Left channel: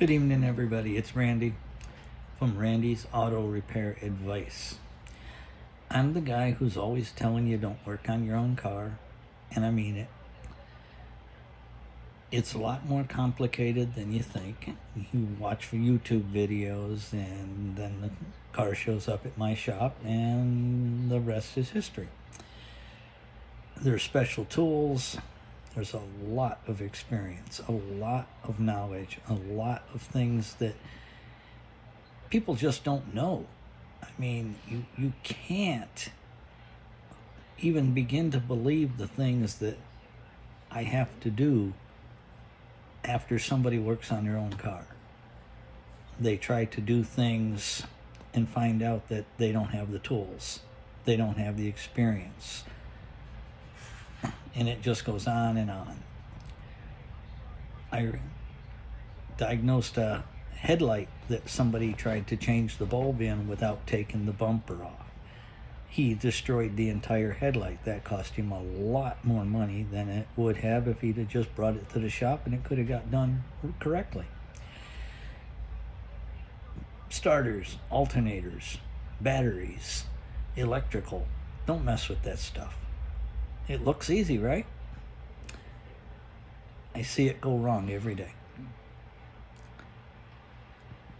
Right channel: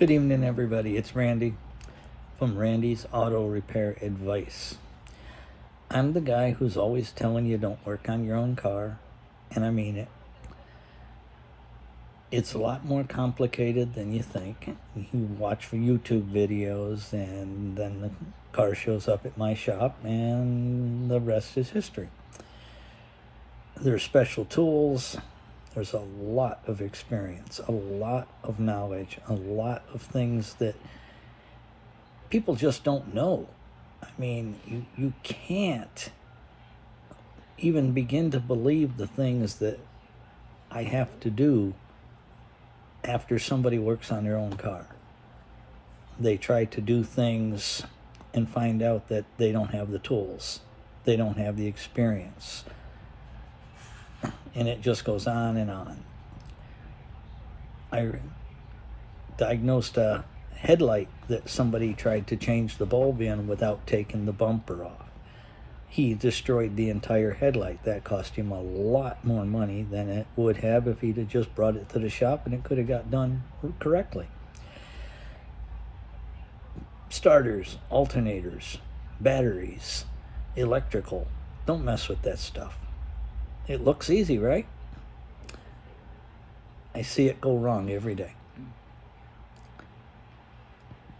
Good evening, everybody. It's Randy from Randy's Auto Repair Advice. I'm the guy who's always telling you don't work on your own car, and I mean it. It's a lot more complicated than you think. You watch for YouTube videos, and then the car shows up at my shop, and the rest is history. There's special tools. There's a lot of experience, a lot of knowledge, a lot of things that people just don't know. I mean, you can't even begin to believe the things that I have to do after somebody works on their own car. They try to do things and find out that they don't have the tools. They don't have the experience. And it just goes on and on. I diagnosed a headlight that somebody tried to change the bulb in without taking the bumper off. He destroyed the entire headlight. That cost him a lot more money than it would have if he'd have just brought it to the shop and it could have got done correctly. Starters, alternators, batteries, electrical. Don't mess with that stuff. It looks easy, right? I see it go wrong every day.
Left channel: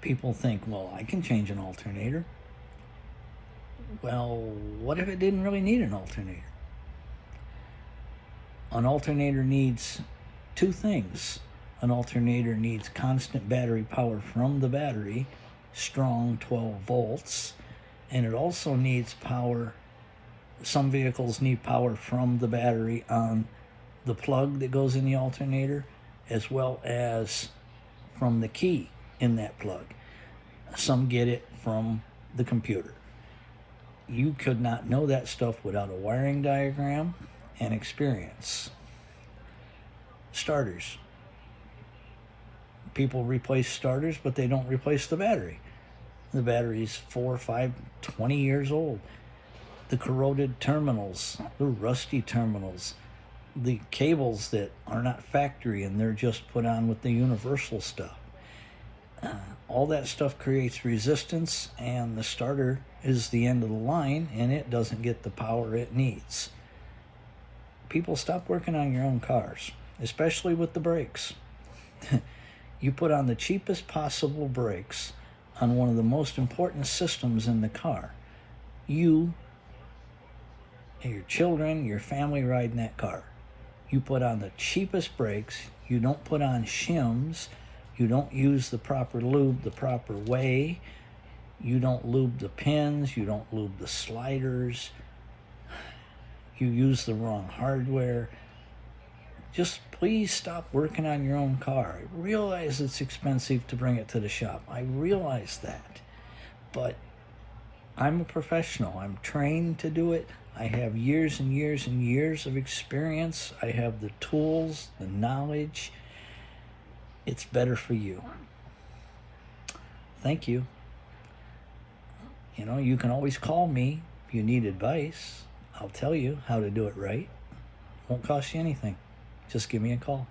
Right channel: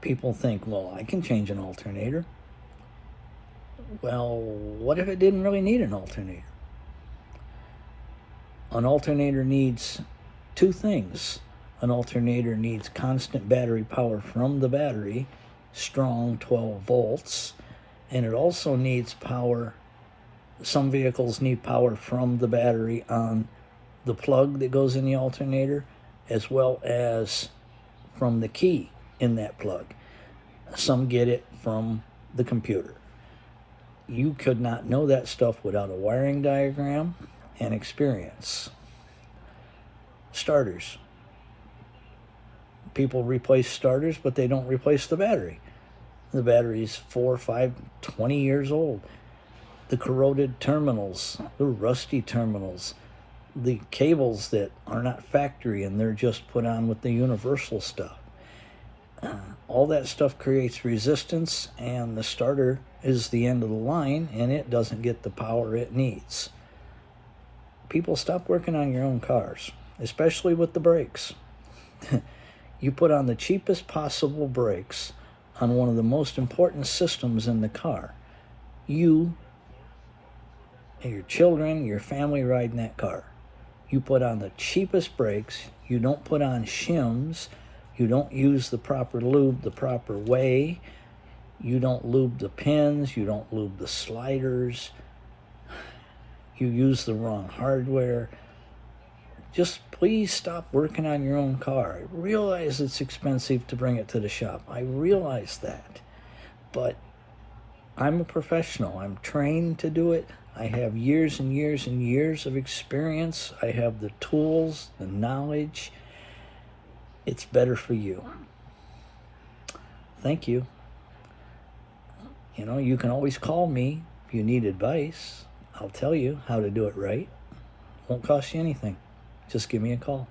People think, well, I can change an alternator. Well, what if it didn't really need an alternator? An alternator needs two things. An alternator needs constant battery power from the battery, strong 12 volts, and it also needs power. Some vehicles need power from the battery on the plug that goes in the alternator, as well as from the key in that plug. Some get it from the computer. You could not know that stuff without a wiring diagram and experience. Starters. People replace starters, but they don't replace the battery. The battery's 4, 5, 20 years old. The corroded terminals, the rusty terminals, the cables that are not factory and they're just put on with the universal stuff. All that stuff creates resistance, and the starter is the end of the line and it doesn't get the power it needs. People, stop working on your own cars, especially with the brakes. You put on the cheapest possible brakes on one of the most important systems in the car. You and your children, your family ride in that car. You put on the cheapest brakes. You don't put on shims. You don't use the proper lube the proper way. You don't lube the pins. You don't lube the sliders. You use the wrong hardware. Just please stop working on your own car. I realize it's expensive to bring it to the shop. I realize that. But I'm a professional. I'm trained to do it. I have years and years and years of experience. I have the tools, the knowledge. It's better for you. Thank you. You know, you can always call me if you need advice. I'll tell you how to do it right. Won't cost you anything. Just give me a call.